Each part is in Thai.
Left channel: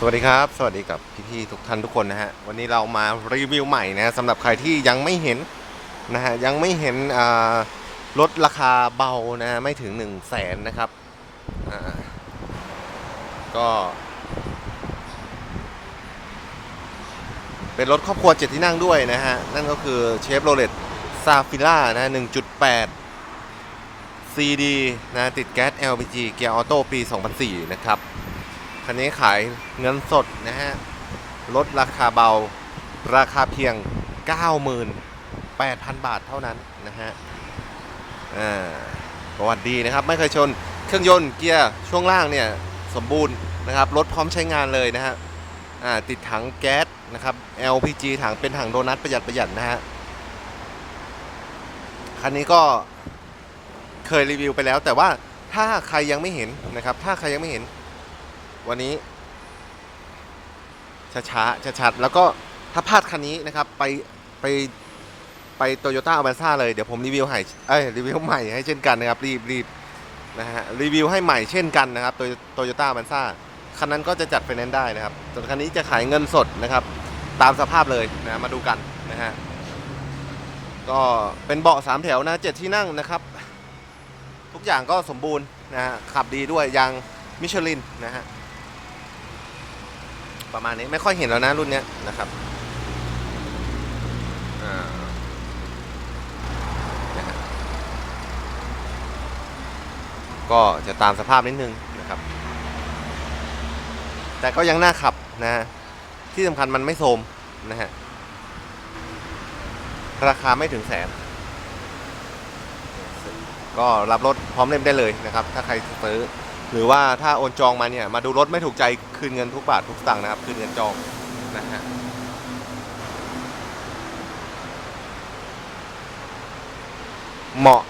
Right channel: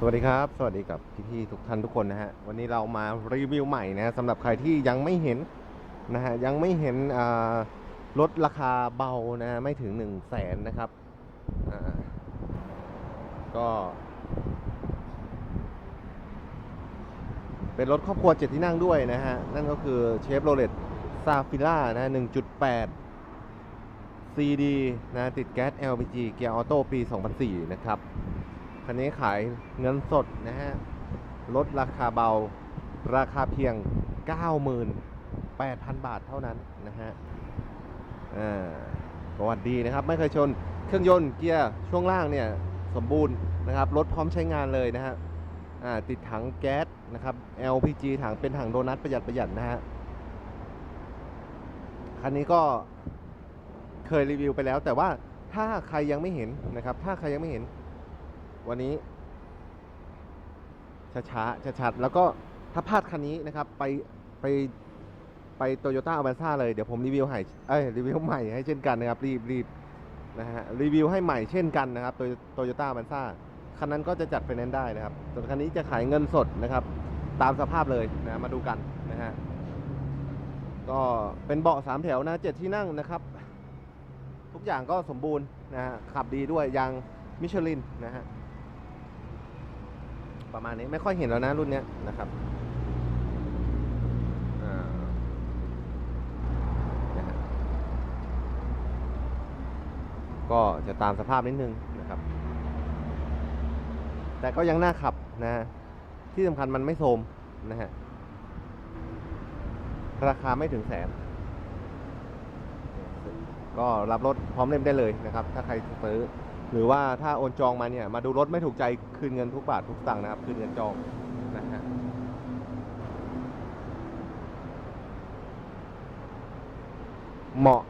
สวัสดีครับ สวัสดีกับพี่ๆทุกท่านทุกคนนะฮะ วันนี้เรามารีวิวใหม่นะสำหรับใครที่ยังไม่เห็นนะฮะยังไม่เห็นรถราคาเบานะไม่ถึง1นึ่งแสนนะครับก็ เป็นรถครอบครัวเจ็ดที่นั่งด้วยนะฮะ นั่นก็คือเชฟโรเลตซาฟิล่านะ1.8 CD นะติดแก๊ส LPG เกียร์ออโต้ปี 2004 นะครับ คันนี้ขายเงินสดนะฮะลดราคาเบาราคาเพียง 98,000 บาทเท่านั้นนะฮะอ่าประวัติดีนะครับ ไม่เคยชนเครื่องยนต์เกียร์ช่วงล่างเนี่ยสมบูรณ์นะครับรถพร้อมใช้งานเลยนะฮะอ่าติดถังแก๊สนะครับ LPG ถังเป็นถังโดนัทประหยัดประหยัดนะฮะคันนี้ก็เคยรีวิวไปแล้ว แต่ว่าถ้าใครยังไม่เห็นนะครับ ถ้าใครยังไม่เห็น วันนี้ช้าๆชัดๆแล้วก็ถ้าพลาดคันนี้นะครับไปไปไปโตโยต้าอ v ว n ซ่าเลยเดี๋ยวผมรีวิวให้เอ้ยรีวิวใหม่ให้เช่นกันนะครับรีบรีบนะฮะรีวิวให้ใหม่เช่นกันนะครับโตโยต้าอ v ว n ซ่าคันนั้นก็จะจัดไฟแนนซ์ได้นะครับส่วนคันนี้จะขายเงินสดนะครับ ตามสภาพเลยนะมาดูกันนะฮะก็เป็นเบาะสามแถวนะเจ็ดที่นั่งนะครับ ทุกอย่างก็สมบูรณ์นะฮะขับดีด้วยยางมิชลินนะฮะ ประมาณนี้ไม่ค่อยเห็นแล้วนะรุ่นเนี้ยนะครับก็จะตามสภาพนิดนึงนะครับ แต่ก็ยังน่าขับนะ ที่สำคัญมันไม่โทมนะฮะ ราคาไม่ถึงแสน ก็รับรถพร้อมเล่มได้เลยนะครับ ถ้าใครซื้อ หรือว่าถ้าโอนจองมาเนี่ยมาดูรถไม่ถูกใจคืนเงินทุกบาททุกสตางค์นะครับคืนเงินจองนะฮะเหมาะ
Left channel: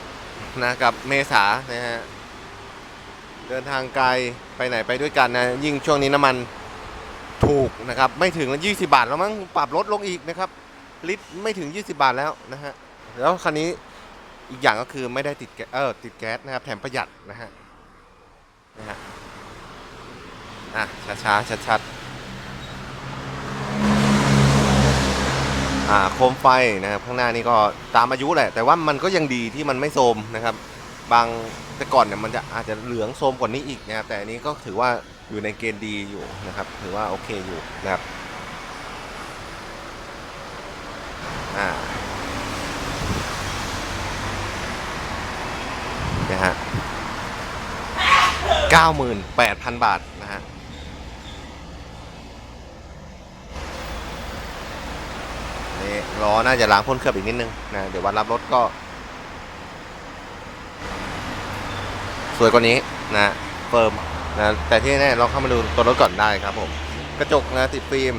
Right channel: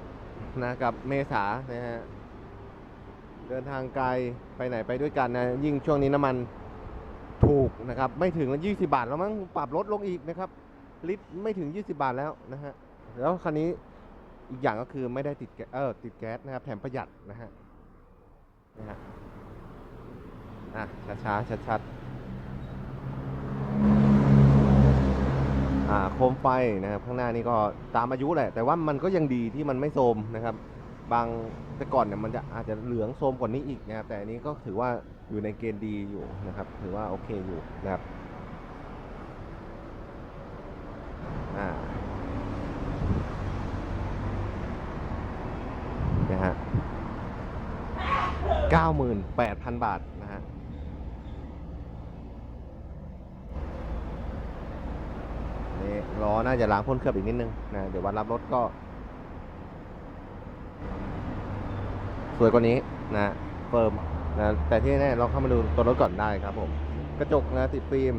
นะกับเมษานะฮะเดินทางไกลไปไหนไปด้วยกันนะยิ่งช่วงนี้น้ำมันถูกนะครับไม่ถึง20บาทแล้วมั้งปรับลดลงอีกนะครับลิตรไม่ถึง 20 บาทแล้วนะฮะแล้วคันนี้อีกอย่างก็คือไม่ได้ติดแก๊สเออติดแก๊สนะครับแถมประหยัดนะฮะ นะฮะอะช้าๆชัดๆอ่าโคมไฟนะครับข้างหน้านี่ก็ตามอายุแหละ แต่ว่ามันก็ยังดีที่มันไม่โทมนะครับ บางแต่ก่อนเนี่ยมันจะอาจจะเหลืองโทมกว่านี้อีกนะครับแต่อันนี้ก็ถือว่าอยู่ในเกณฑ์ดีอยู่นะครับ ถือว่าโอเคอยู่นะครับอ่า นะฮะ 98,000 บาทนะฮะนี่ล้อน่าจะล้างพ่นเคลือบอีกนิดนึงนะเดี๋ยววันรับรถก็ สวยกว่านี้นะเฟิร์มนะแต่ที่แน่ลองเข้ามาดูตัวรถก่อนได้ครับผมกระจกนะติดฟิล์ม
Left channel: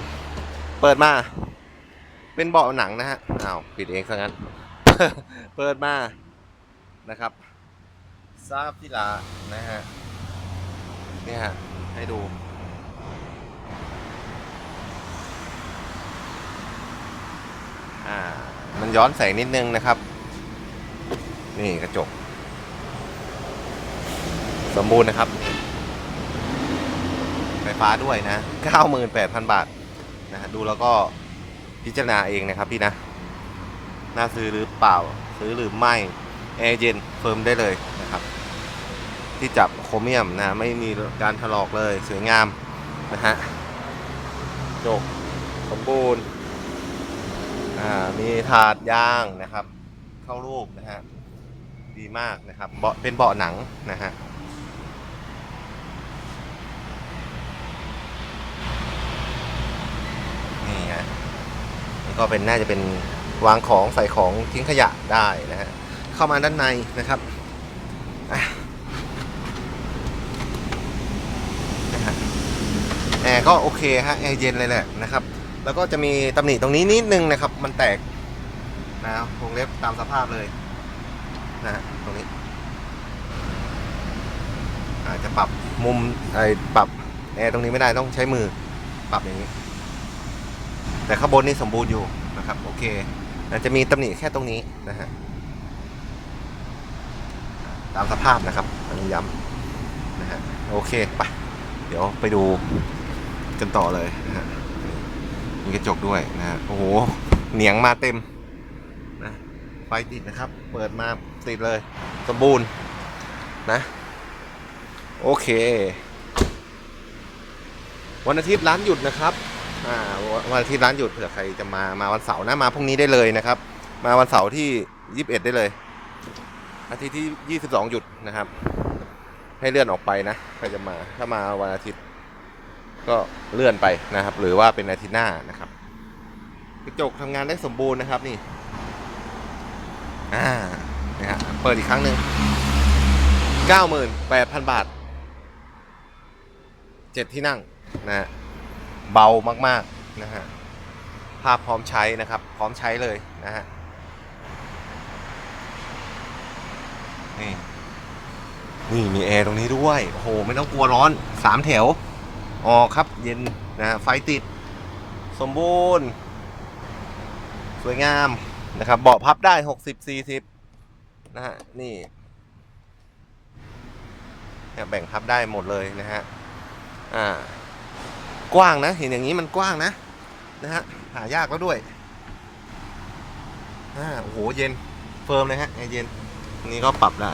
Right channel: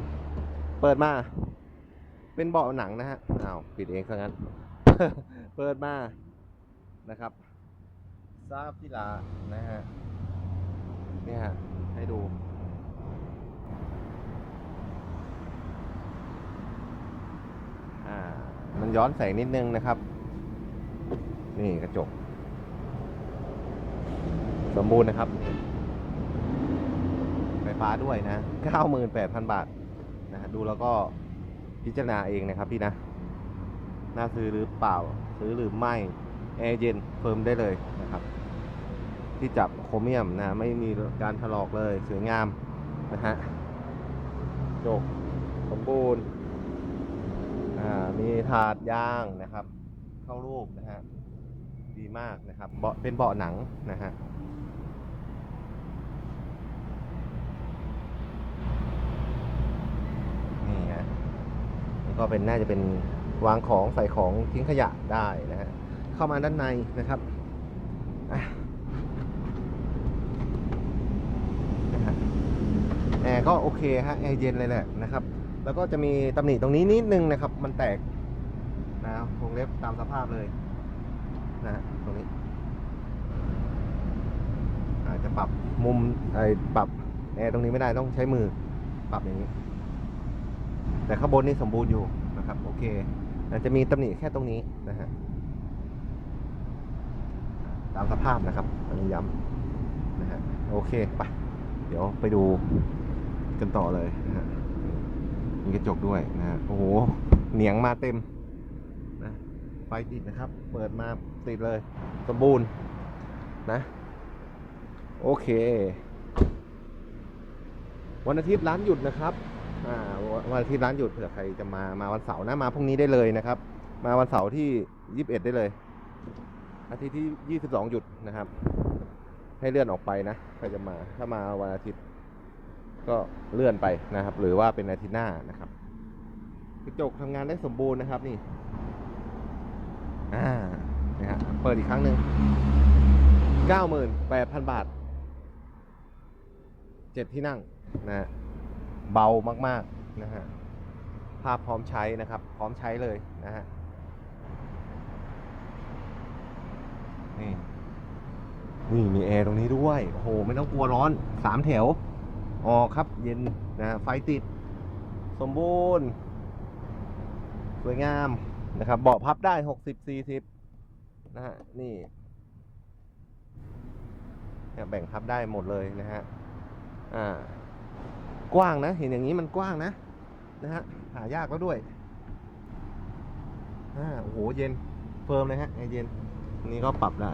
เปิดมาเป็นเบาะหนังนะฮะอ้าวปิดเองซะงั้น เปิดมานะครับซาฟิลานะฮะ นี่ฮะ ให้ดู อ่า มันย้อนแสงนิดนึงนะครับ นี่กระจก สมบูรณ์นะครับ ไฟฟ้าด้วยนะ 98,000 บาทนะฮะดูแล้วก็พิจารณาเองนะครับพี่นะ น่าซื้อหรือเปล่า ซื้อหรือไม่ แอร์เย็นเฟิร์มได้เลยนะครับ ที่จับโครเมียมนะ ไม่มีการถลอกเลยสวยงามนะฮะจกสมบูรณ์มีถาดยางนะครับ เข้ารูปนะฮะดีมากนะครับเบาะเป็นเบาะหนังนะฮะนี่ฮะก็เป็นน่าจะเป็นวางของใส่ของทิ้งขยะได้นะฮะเข้ามาด้านในนะครับอะ แอร์ ก็โอเคฮะแอร์เย็นเลยแหละนะครับ แล้วก็จะมีตำหนิตรงนี้นิดนึงนะครับ มันแตกนะวงเล็บตามสภาพเลยนะฮะตรงนี้อาจจะปรับมุมไอ้ปรับแอร์ตรงนี้ไม่ได้ต้องใช้มือปรับอย่างนี้ แต่ข้างบนนี่สมบูรณ์อยู่นะครับโอเคอาจจะมีตำหนิแค่ตรงนี้นะฮะตามสภาพนะครับอันนี้ย้ำนะฮะโอเคไปเดี๋ยวไปดู กันต่อเลยนะฮะมีกระจกด้วยนะฮะโอ้โหเหนียงมาเต็มนะไฟติดนะครับ เปิดมาติดเลยสมบูรณ์นะ โอเค วันอาทิตย์ร้านหยุดนะครับอ่าวันอาทิตย์ร้านหยุดเผื่อใครจะมามาวันเสาร์นะมาพรุ่งนี้ได้เลยนะครับ มาวันเสาร์ที่ 21 ได้เลย อาทิตย์ที่ 22 หยุดนะครับ ให้เลื่อนออกไปนะใครจะมาถ้ามาวันอาทิตย์ ก็เลื่อนไปนะครับ หรือว่าเป็นอาทิตย์หน้านะครับกระจกทำงานได้สมบูรณ์นะครับนี่อ่านะฮะเปิดอีกครั้งหนึ่ง98,000บาทเจ็ดที่นั่งนะฮะเบามากๆนะฮะภาพพร้อมใช้นะครับ พร้อมใช้เลยนะฮะนี่นี่มีแอร์ตรงนี้ด้วย โอ้โห ไม่ต้องกลัวร้อนสามแถว ออกครับเย็นนะฮะไฟติด สมบูรณ์ สวยงามนะครับเบาะพับได้หกสิบสี่สิบนะฮะ นี่แบ่งพับได้หมดเลยนะฮะ อ่า กว้างนะ เห็นอย่างนี้มันกว้างนะ นะฮะ หายากแล้วด้วย อ่า โอ้โห เย็น เฟิร์มเลยฮะแอเย็นอันนี้ก็ปรับได้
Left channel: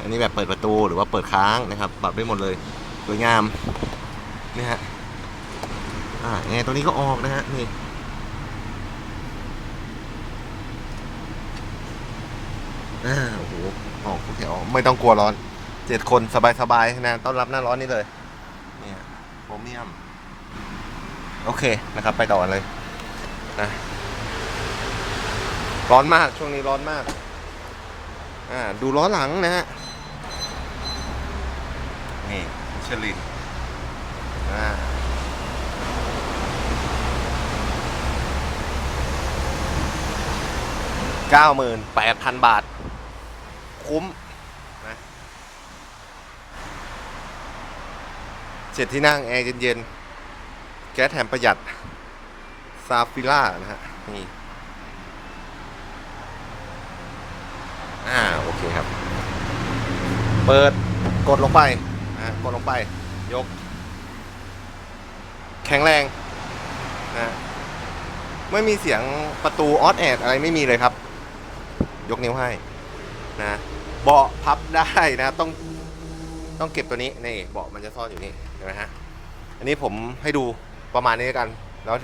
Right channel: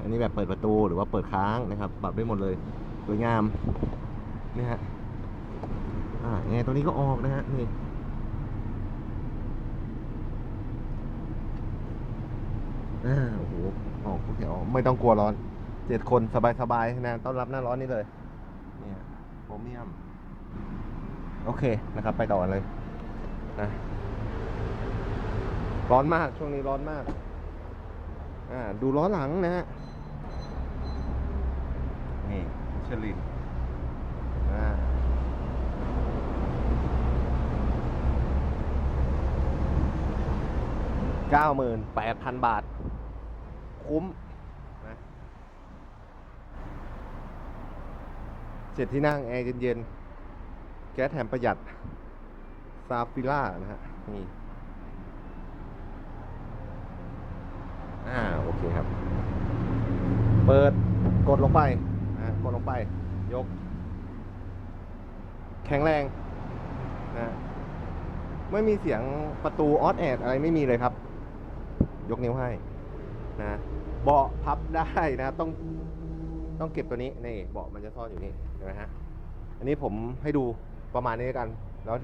อันนี้แบบเปิดประตูหรือว่าเปิดค้างนะครับ ปรับได้หมดเลย สวยงาม นี่ฮะอ่าแอร์ตัวนี้ก็ออกนะฮะนี่อ่าโอ้โหออกทุกแถวไม่ต้องกลัวร้อนเจ็ดคนสบายๆนะต้อนรับหน้าร้อนนี่เลยเนี่ยโพรเมียม โอเคนะครับ ไปต่อเลยนะร้อนมากช่วงนี้ร้อนมาก อ่า ดูล้อหลังนะฮะนี่มิชลิน อ่าเก้าหมื่นแปดพันบาท คุ้มนะเจ็ดที่นั่งแอร์เย็นๆ แก๊สแถมประหยัด ซาฟิล่านะฮะ นี่ อ่า โอเคครับ เปิดกดลงไปอ่ากดลงไป ยก แข็งแรงนะไม่มีเสียงประตูออดแอดอะไรไม่มีเลยครับ ยกนิ้วให้นะเบาะพับได้นะต้องต้องเก็บตัวนี้นี่เบาะมันจะซ่อนอยู่นี่เห็นไหมฮะอันนี้ผมให้ดูประมาณนี้แล้วกันแล้ว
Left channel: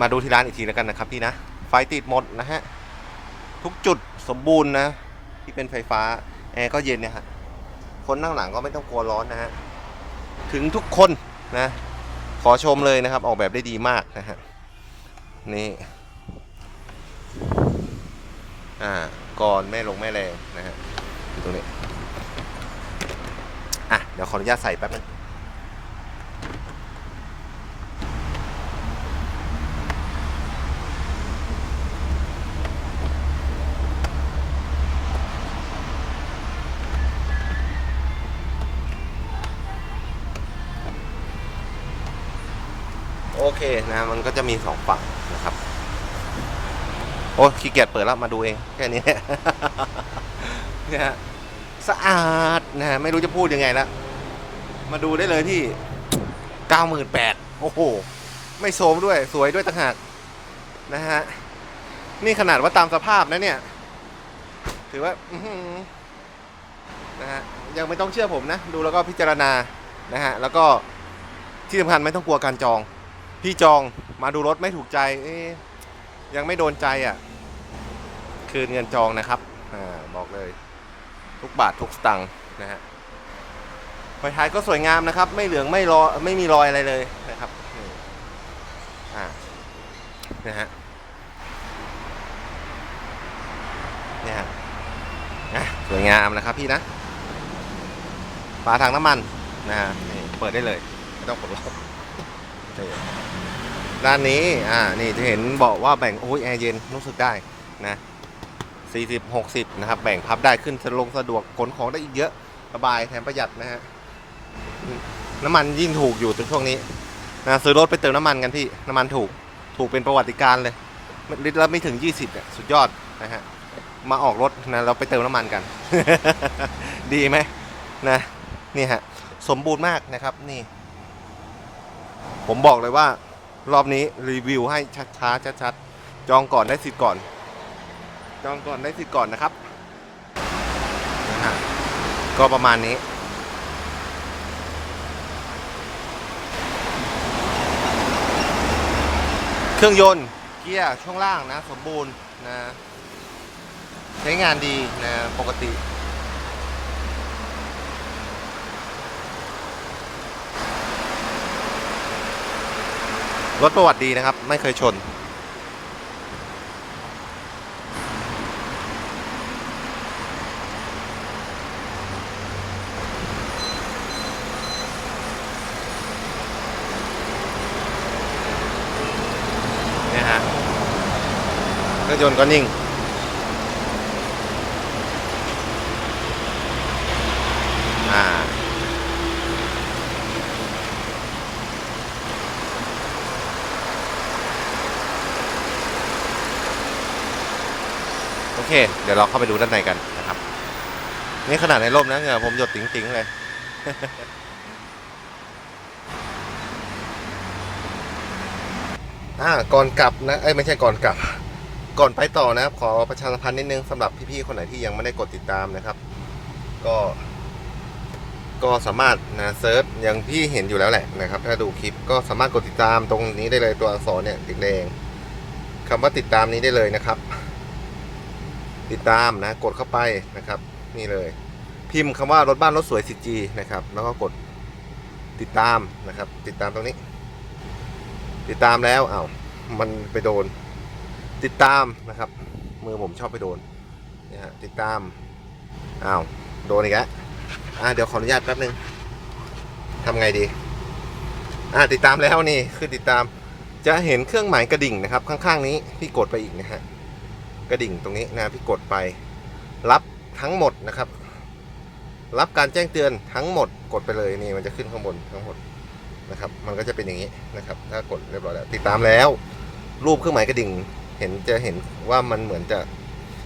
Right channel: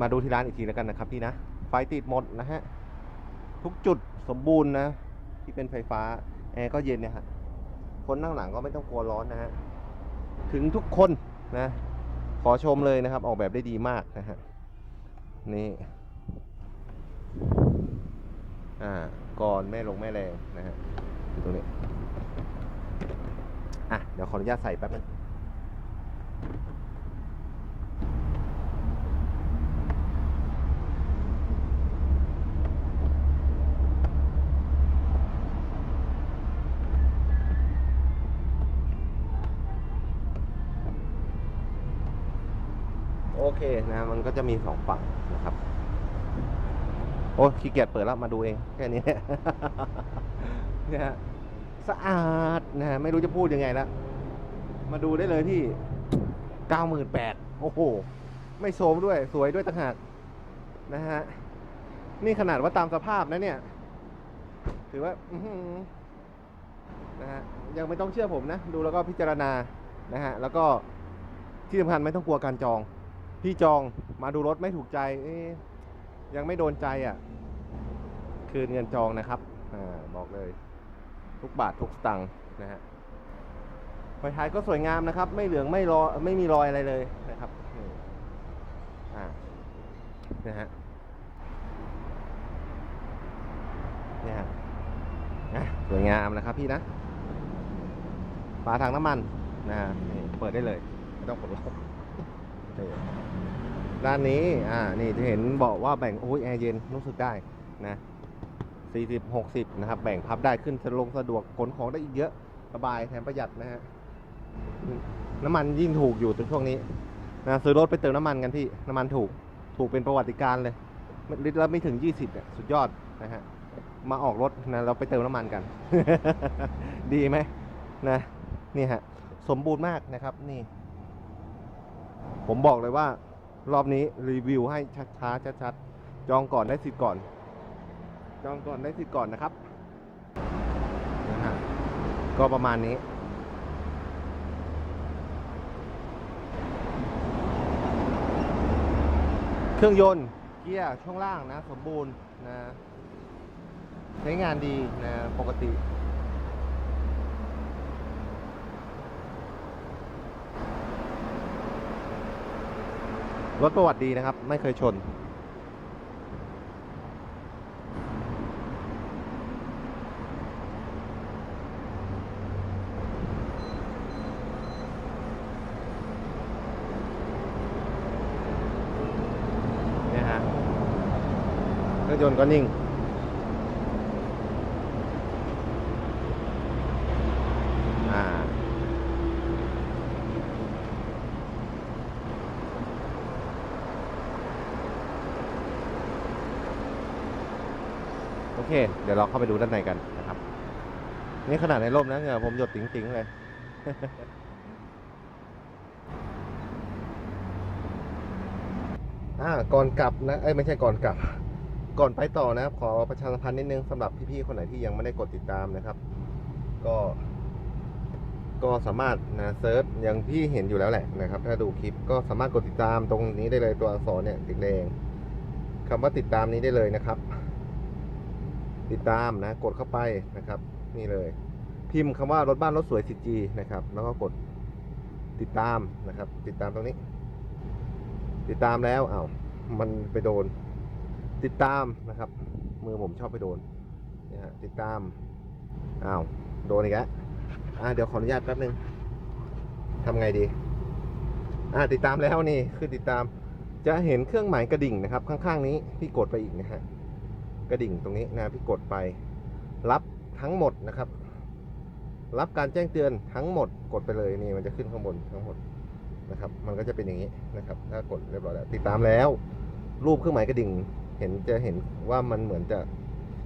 มาดูที่ร้านอีกทีแล้วกันนะครับพี่นะไฟติดหมดนะฮะทุกจุดสมบูรณ์นะ ที่เป็นไฟฟ้าแอร์ก็เย็นเนี่ยฮะคนนั่งหลังก็ไม่ต้องกลัวร้อนนะฮะถึงทุกคนนะ ขอชมเลยนะครับ ออกแบบได้ดีมากนะฮะนี่อ่าก่อนแม่ลงแม่แรงนะฮะอยู่ตรงนี้อะเดี๋ยวขออนุญาตใส่แป๊บนึง เคนะมันก็จะมีสองฝั่งนะครับ โอ้ขี้เกียจเปิดแล้วมาดูเอง แค่นี้เนี่ยฮะสะอาดนะฮะไม่รู้จะพูดยังไงละมาดูได้เลยที่เก้าหมื่นแปดโอ้โห ไม่โสมด้วยสวยด้วยต่างหากนะฮะ นี่ขนาดว่าตามสภาพนะเนี่ย ถือว่านะฮะยังไม่ต้องเชื่อผมนะ ดูแล้วก็พิจารณานะฮะ แล้วก็ที่สำคัญไม่ต้องกลัวการจอง พี่จองมาดูรถไม่ถูกใจยังไม่โดนใจอะ คืนเงินจองนะครับอบอกเลย ทุกบาททุกสตังค์นะฮะไฟท้ายก็สวยงามนะครับ ไม่เหลืองไม่รอไม่มีรอยอะไรเลยนะครับอ่านะฮะเนี่ยฮะสวยงามนะครับพี่นะฝาถังน้ำมันนะฮะเปิดได้เลย ไม่ต้องกดล็อก ด้านนี้ อ่า นี่จะเห็นบอกว่าแบ่ง โอ้ยแอร์เย็น รู้สึกได้นะ 40 60 นะครับ แบ่งพับได้ขึ้นสะลงสะดวกขนของได้อีกเยอะสบายแถมประหยัดนะฮะ น้ำมันยิ่งถูกอยู่ในช่วงนี้นะซื้อรถไปเติมน้ำมันกันพี่ น้ำมันถูก ถูกเป็นประวัติการเลยลิตรละไม่ถึง 20เนี่ยสุดยอดนะฮะ มาออกรถนะเราไปเติมน้ำมันกัน ดีไหมนะ นี่ฮะ สมบูรณ์มากนะครับ นี่ ผมบอกเลยว่า รอบนี้รีวิวให้ช้าๆชัดๆจองก่อนได้สิทธิ์ก่อน จองก่อนได้สิทธิ์ก่อนนะครับ ก็ประมาณนี้ เครื่องยนต์เกียร์ช่วงล่างนะ สมบูรณ์นะ ใช้งานดีนะปกติ รถประวัติดีนะครับ ไม่เคยชนเนี่ยฮะเครื่องยนต์ก็นิ่ง อ่า โอ เค เดี๋ยวเราเข้าไปดูด้านในกันนะครับ นี่ขนาดในร่มนะเงือผมหยดติ๋งๆเลย อ่าก่อนกลับนะ เอ้ยไม่ใช่ก่อนกลับ ก่อนไปต่อนะครับ ขอประชาสัมพันธ์นิดนึงสำหรับพี่ๆคนไหนที่ยังไม่ได้กดติดตามนะครับ ก็ ก็สามารถนะเซิร์ชอย่างพี่เห็นอยู่แล้วแหละนะครับ ถ้าดูคลิปก็สามารถกดติดตามตรงนี้ได้เลยตัวอักษรเนี่ยแดงคำว่าติดตามนี้ได้เลยนะครับ ติดตามนะกดเข้าไปนะครับนี่เลย พิมพ์คำว่ารถบ้านรถสวย 4G นะครับ แล้วก็กดติดตามนะครับ ติดตามตรงนี้ ติดตามแล้วอา้าวมันไปโดน ติดตามนะครับ มือผมชอบไปโดนนี่ยฮะติดตามอ้าวโดนอีกแล้วอ่าเดี๋ยวขออนุญาตแป๊บนึงทำไงดีอ่าติดตามแล้วนี่คือติดตามจะเห็นเครื่องหมายกระดิ่งนะครับ ข้างๆนี้พี่กดไปอีกนะฮะ กระดิ่งตรงนี้นะพี่กดไป รับทั้งหมดนะครับ รับการแจ้งเตือนทั้งหมดกดไปเลยนี่มันจะขึ้นข้างบนทั้งหมดนะครับ มันก็จะเป็นอย่างนี้นะครับ ถ้ากดเรียบร้อยแล้วติดตามแล้ว รูปเครื่องหมายกระดิ่งเห็นจะเห็นว่ามันเหมือนจะ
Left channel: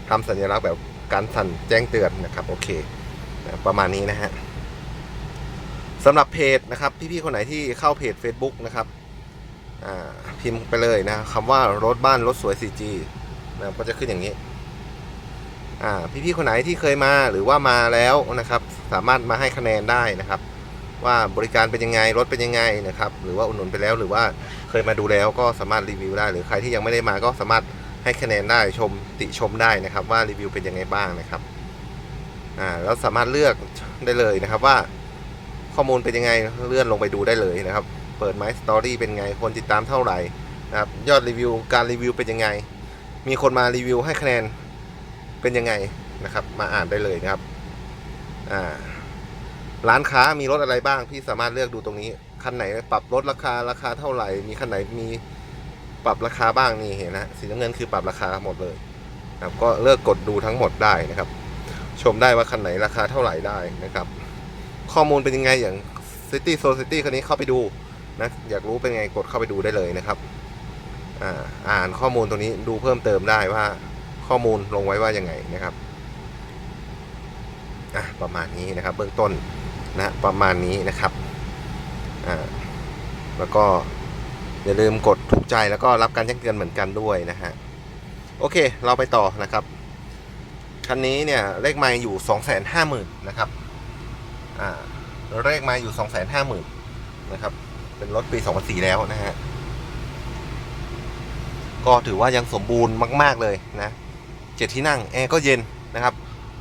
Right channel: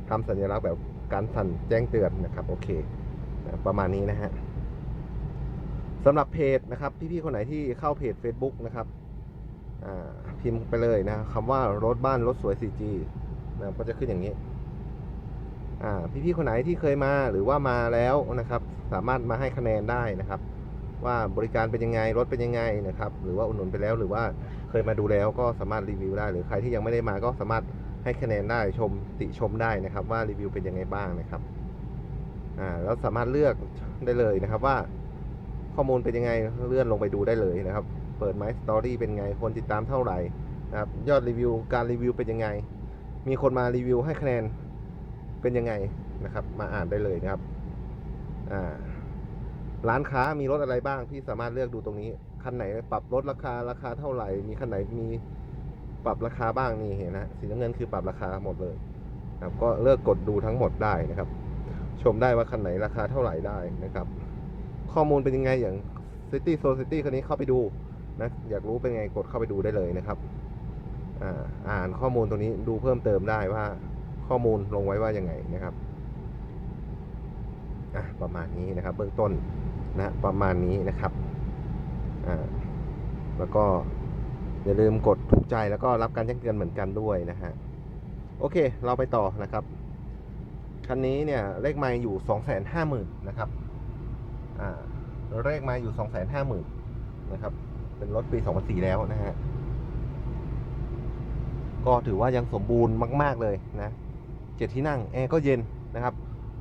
ทำสัญลักษณ์แบบการสั่นแจ้งเตือนนะครับ โอเคประมาณนี้นะฮะสำหรับเพจนะครับ พี่ๆคนไหนที่เข้าเพจ Facebook นะครับพิมพ์ไปเลยนะคำว่ารถบ้านรถสวย 4G นะก็จะขึ้นอย่างนี้อ่าพี่ๆคนไหนที่เคยมาหรือว่ามาแล้วนะครับ สามารถมาให้คะแนนได้นะครับ ว่าบริการเป็นยังไงรถเป็นยังไงนะครับ หรือว่าอุดหนุนไปแล้วหรือว่าเคยมาดูแล้วก็สามารถรีวิวได้ หรือใครที่ยังไม่ได้มาก็สามารถให้คะแนนได้ชมติชมได้นะครับ ว่ารีวิวเป็นยังไงบ้างนะครับอ่าแล้วสามารถเลือกได้เลยนะครับว่าข้อมูลเป็นยังไงเลื่อนลงไปดูได้เลยนะครับ เปิดไมสตอรี่เป็นไงคนติดตามเท่าไหร่นะครับยอดรีวิวการรีวิวเป็นยังไง มีคนมารีวิวให้คะแนนเป็นยังไงนะครับ มาอ่านได้เลยนะครับอ่าร้านค้ามีรถอะไรบ้างพี่สามารถเลือกดูตรงนี้คันไหนปรับลดราคาราคาเท่าไหร่ มีคันไหนมีปรับราคาบ้างนี่เห็นนะสีน้ำเงินคือปรับราคาหมดเลยนะครับก็เลือกกดดูทั้งหมดได้นะครับ ชมได้ว่าคันไหนราคาเท่าไหร่ได้นะครับ ข้อมูลเป็นยังไงอย่าง City Society คันนี้เข้าไปดูนะอยากรู้เป็นไงกดเข้าไปดูได้เลยนะครับ อ่านข้อมูลตรงนี้ดูเพิ่มเติมได้ว่าข้อมูลลงไว้ว่ายังไงนะครับอะประมาณนี้นะครับเบื้องต้นนะประมาณนี้นะครับอ่าแล้วก็อย่าลืมกดถูกใจแล้วก็รับการแจ้งเตือนเหมือนกันด้วยนะฮะโอเค เราไปต่อนะครับคันนี้เนี่ยเลขไม้อยู่สองแสนห้าหมื่นนะครับอ่าเลขไม้อยู่สองแสนห้าหมื่นนะครับเป็นรถปีสองพันสี่แล้วนะฮะ ก็ถือว่ายังสมบูรณ์มาก ๆเลยนะเจ็ดที่นั่งแอร์ก็เย็นนะครับ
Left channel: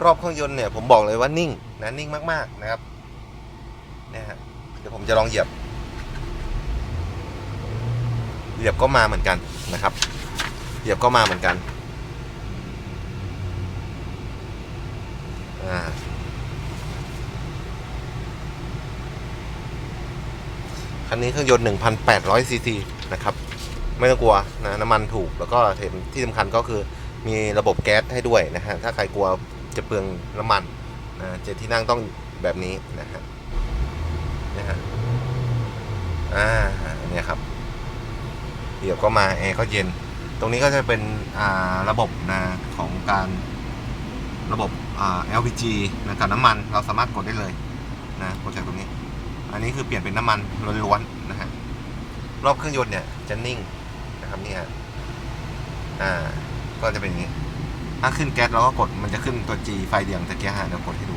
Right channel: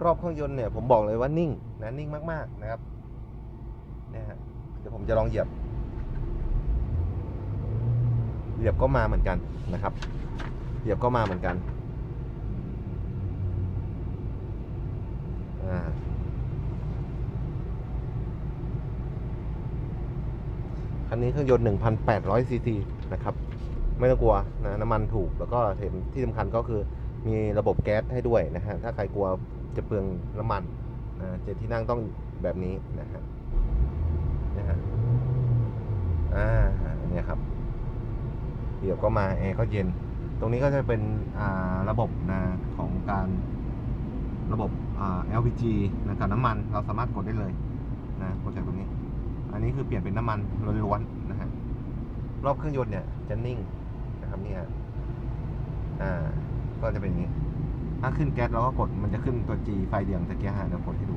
รอบเครื่องยนต์เนี่ยผมบอกเลยว่านิ่งนะนิ่งมากๆนะครับเนี่ยฮะเดี๋ยวผมจะลองเหยียบ เหยียบก็มาเหมือนกันนะครับ เหยียบก็มาเหมือนกันอ่าคันนี้เครื่องยนต์1,800ซีซีนะครับ ไม่ต้องกลัวนะน้ำมันถูกแล้วก็ที่สำคัญก็คือมีระบบแก๊สให้ด้วยนะฮะถ้าใครกลัวจะเปลืองน้ำมันนะเจ็ดที่นั่งต้องแบบนี้นะฮะนะฮะอ่าเนี่ยครับเดี๋ยวก็มาแอร์ก็เย็น ตรงนี้ก็จะเป็นอ่าระบบนะของการระบบอ่า LPG นะกับน้ำมันเราสามารถกดได้เลยนะกดจากตรงนี้ อันนี้คือเปลี่ยนเป็นน้ำมันล้วนๆนะฮะรอบเครื่องยนต์เนี่ยจะนิ่ง นะครับนี่ฮะอ่า ก็จะเป็นอย่างนี้ ถ้าขึ้นแก๊สเราก็กดมันจะขึ้นตัว G ไฟเหลืองตะเกียร์ฮะเดี๋ยวกดให้ดู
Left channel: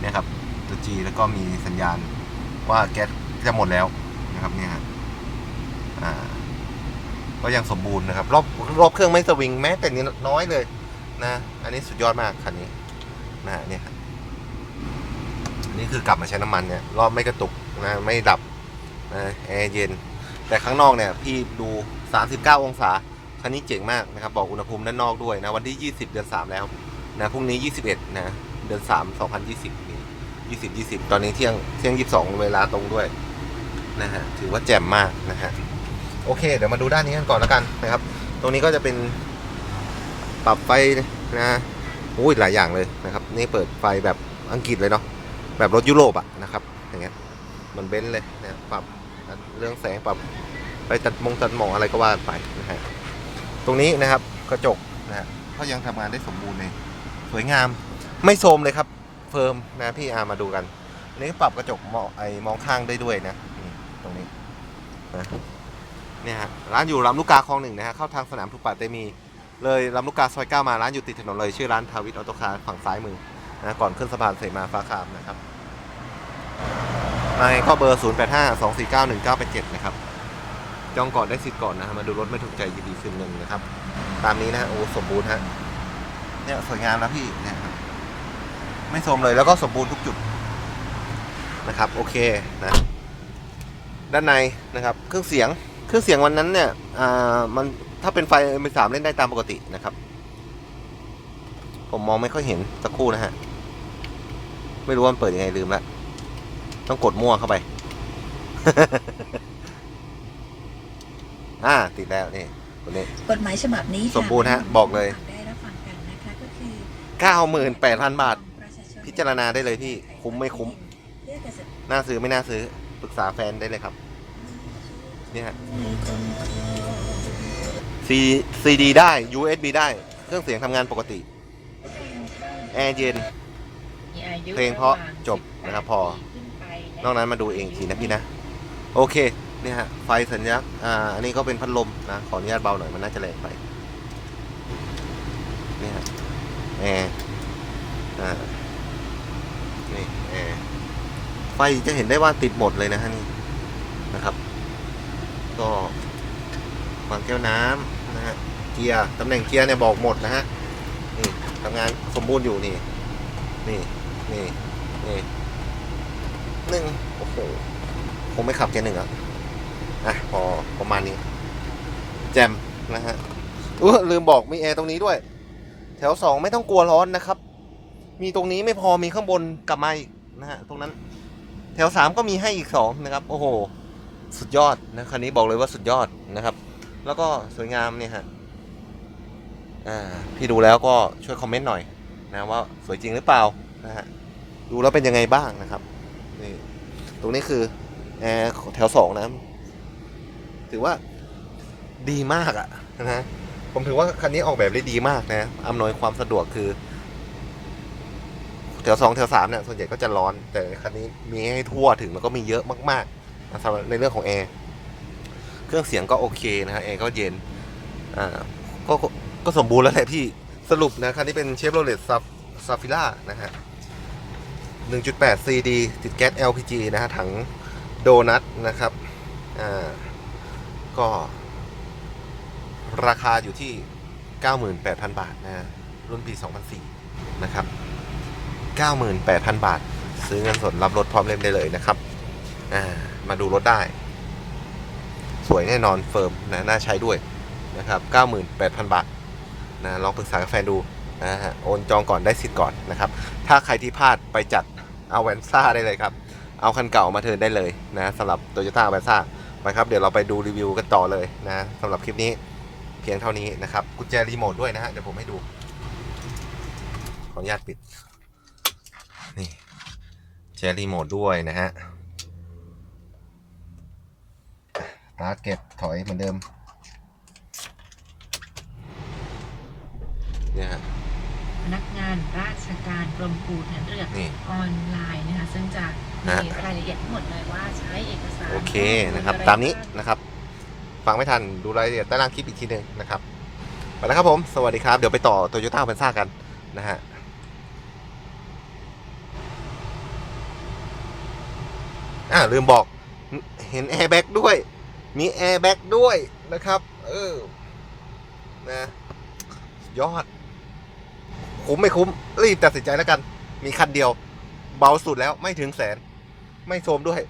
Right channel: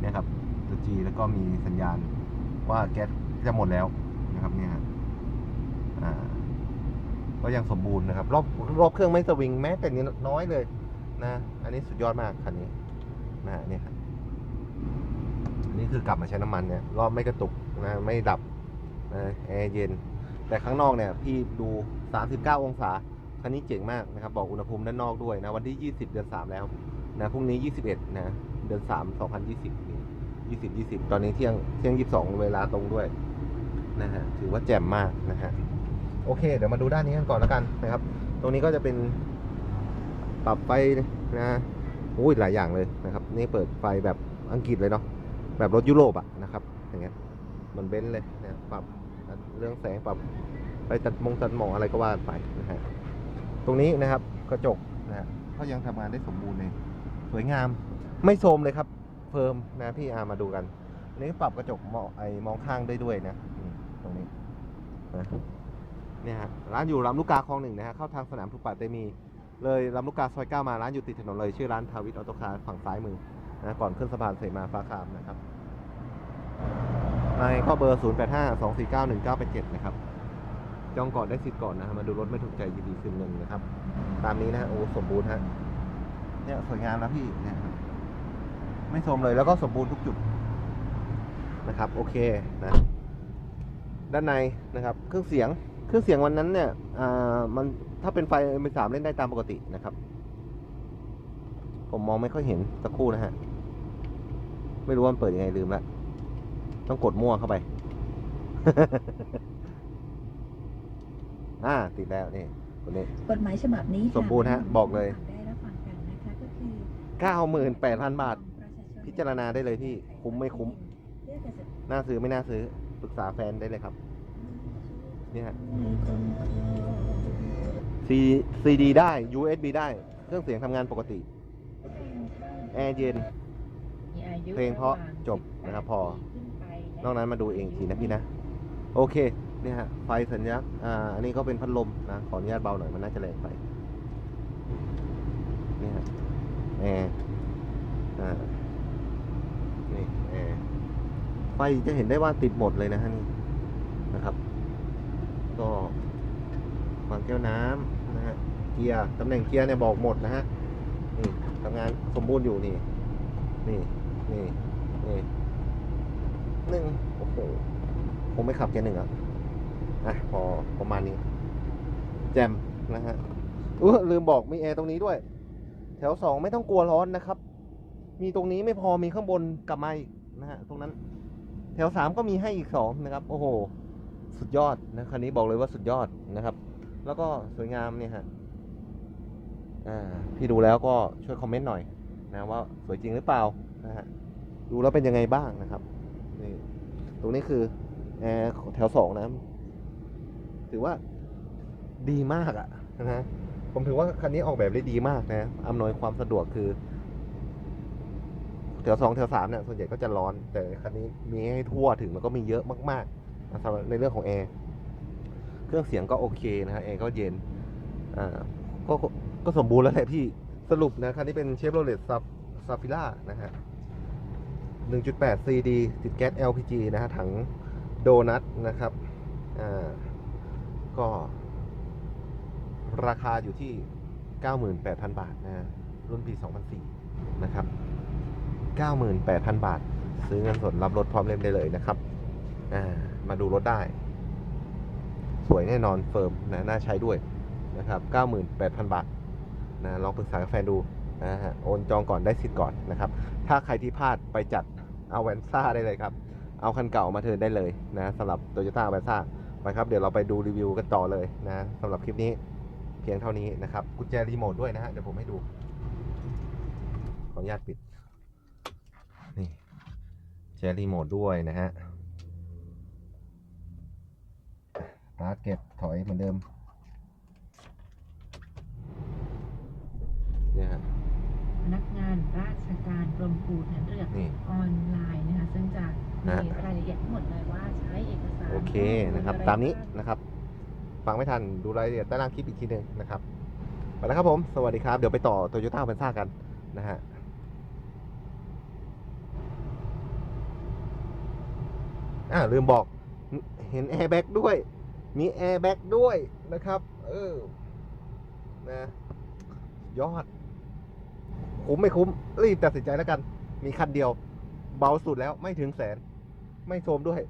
เนี่ยครับ ตัว G แล้วก็มีสัญญาณว่าแก๊สจะหมดแล้วนะครับเนี่ยอ่า ก็ยังสมบูรณ์นะครับ รอบรอบเครื่องไม่สวิงแม้แต่นิดน้อยเลยนะ อันนี้สุดยอดมากคันนี้นะเนี่ยครับอันนี่คือกลับมาใช้น้ำมันเนี่ย รอบไม่กระตุกนะ ไม่ดับนะแอร์เย็น แต่ข้างนอกเนี่ยพี่ดู 39 องศาคันนี้เจ๋งมากนะครับบอกอุณหภูมิด้านนอกด้วยนะวันที่ 20 เดือน 3 แล้วนะพรุ่งนี้ 21 นะเดือน 3 2020นี่20 20 ตอนนี้เที่ยงเที่ยง 22 เวลาตรงด้วยนะฮะถือว่าแจ่มมากนะฮะโอเค เดี๋ยวมาดูด้านนี้กันก่อนแล้วกันนะครับ ตรงนี้ก็จะเป็นปรับไฟนะอุ้ยหลายอย่างเลยนะครับนี่เปิดไฟแบบอังกฤษเลยเนาะแบบรถยุโรปอะนะครับอย่างเงี้ยเหมันเบนซ์เลยนะปรับ เรื่องแสงปรับไปตัดมงตัดหมองอะไรก็ว่ากันไปนะฮะตรงนี้นะครับกระจกนะฮะก็ยังทำงานได้สมบูรณ์เลยสวยงามไม่โทรมเลยครับเฟิร์มนะพี่อามาดูกันอันนี้ปรับกระจกมองไอมองข้างได้ด้วยนะนี่ตรงนี้นะเนี่ยฮะร้านอยู่ลำลูกกาคลองหนึ่งนะฮะเข้าทางสนามทุกปาเตมี เลยลำลูกกาซอยเก้ามาร้านอยู่ติดถนนเลยชื่อร้านทาวิทออโตคาร์ฝั่งซ้ายมือนะก่อนขึ้นสะพานเสมาฟ้าคามนะครับ ในก็เบอร์ 0 8 5 2 4 9 1 9 8 7 นะครับ จองก่อนได้สิทธิ์ก่อนนะฮะมาดูรถไม่ถูกใจยินดีคืนเงินนะครับ ตามนี้นะฮะโอ้สมบูรณ์ฮะเนี่ยสวยงามนะพี่เนี่ยครับไม่โทรมเลยแล้วก็สมบูรณ์ทุกจุดนะครับ โอเคนะด้านในนะครับ เครื่องเสียงเครื่องเสียงวันนั้นเนี่ยอ่ามันถ้าเป็นไฟเอ็มสามเล่นได้ตามปกตินะครับ ผมมองไม่ค่อยเห็นสักครู่นะฮะ ไม่รู้ว่ามันเปิดยังไงลืมละ ต้องกดมั่วเข้าไป อ่า ติดแล้วนี่ตัวนี้ กฎหมายฉบับนี้ค่ะสมบูรณ์ฮะบอกเลย ได้รับฟังกันนะคะก็คือ98,000บาทประชชนพิจารณาได้เลยพี่คุ้มไม่คุ้ม เพื่อเกษตรน่าซื้อไม่น่าซื้อ ปรึกษาแฟนได้เลยครับ เนี่ยฮะ C CD ได้ USB ได้ เครื่องเสียงทำงานปกติ แอร์เย็น มีอายุเพลงเพราะวมจบนะครับพอขึ้นไปะ นอกนั้นมาดูเองทีนะพี่นะ โอเคเนี่ยฮะไฟสัญลักษณ์อ่าอันนี้ก็เป็นพัดลมนะขออนุญาตเบาหน่อยมันน่าจะแรงไปเนี่ยฮะแอร์อ่านี่แอร์ไฟจะเห็นได้ว่าติดหมดเลยนะฮะนี่นะครับ ก็วางแก้วน้ำนะฮะเกียร์ตำแหน่งเกียร์เนี่ยบอกหมดนะฮะนี่ทำงานสมบูรณ์อยู่นี่ นี่นี่ หนึ่งโอ้โหคงไม่ขับเกียร์หนึ่งอะอะพอประมาณนี้ แจมนะฮะอู้ลืมบอกมีแอร์ตรงนี้ด้วย แถวสองไม่ต้องกลัวร้อนนะครับ มีตรงนี้ไม่พอมีข้างบนกลับมาอีกนะฮะตรงนั้น แถวสามก็มีให้อีกสองนะครับ โอ้โห สุดยอดนะคันนี้บอกเลยว่าสุดยอดนะครับ แล้วก็สวยงามเนี่ยฮะอ่าพี่ดูแล้วก็ช่วยคอมเมนต์หน่อยนะว่าสวยจริงหรือเปล่านะฮะดูแล้วเป็นยังไงบ้างนะครับ ตรงนี้คือแอร์แถวสองนะ ถือว่าดีมากอะนะ ผมถือว่าคันนี้ออกแบบได้ดีมากนะอำนวยความสะดวกคือ แถวสองแถวสามเนี่ยส่วนใหญ่ก็จะร้อน แต่คันนี้มีให้ทั่วถึงแล้วก็มีเยอะมากๆสำหรับในเรื่องของแอร์เครื่องเสียงก็โอเคนะฮะแอร์ก็เย็น อ่าก็ก็ก็สมบูรณ์แล้วแหละพี่สรุปนะคันนี้เป็นเชฟโรเลตซับซาฟิล่านะฮะ 1.8 CD ติดแก๊ส LPG นะฮะถังโดนัทนะครับอ่าก็ราคาอยู่ที่ 98,000 บาทนะฮะรุ่นปี 2004 นะครับ 98,000 บาท ซื้อเงินสดรับรถพร้อมเล่มได้เลยนะครับอ่ามาดูรถได้ สวยแน่นอนเฟิร์มนะ น่าใช้ด้วยนะครับ 98,000 บาทนะ ลองปรึกษากับแฟนดูนะฮะ โอนจองก่อนได้สิทธิ์ก่อนนะครับ ถ้าใครที่พลาดไปจัด เอาแวนซ่าได้เลยครับ เอาคันเก่ามาเทิร์นได้เลยนะสำหรับ Toyota แวนซ่าไปครับ เดี๋ยวเราไปดูรีวิวกันต่อเลยนะสำหรับคลิปนี้เพียงเท่านี้นะครับกุญแจรีโมทด้วยนะฮะเดี๋ยวผมให้ดู ขออนุญาตปิด นี่แจรีโมทด้วยนะฮะตาร์ทเก็บถอยเหมือนเดิม เนี่ยฮะ พนักงานราชการกรมภูทหารเรือนี่ออนไลน์นะคะซึ่งจะฮะมีรายละเอียดทั้งหมดเลยว่าใช้เอกสารโอเคนะครับ ตามนี้นะครับ ฟังไม่ทันดูรายละเอียดใต้ล่างคลิปอีกทีหนึ่งนะครับไปแล้วครับผม สวัสดีครับ เดี๋ยวไปต่อโตโยต้าพันซ่ากันนะฮะอ่าลืมบอกเห็นแอร์แบ็กด้วย มีแอร์แบ็กด้วยนะครับ เออ นะ ยอด คุ้มไม่คุ้ม รีบตัดสินใจแล้วกัน มีคันเดียว เบาสุดแล้วไม่ถึงแสน ไม่โทมด้วย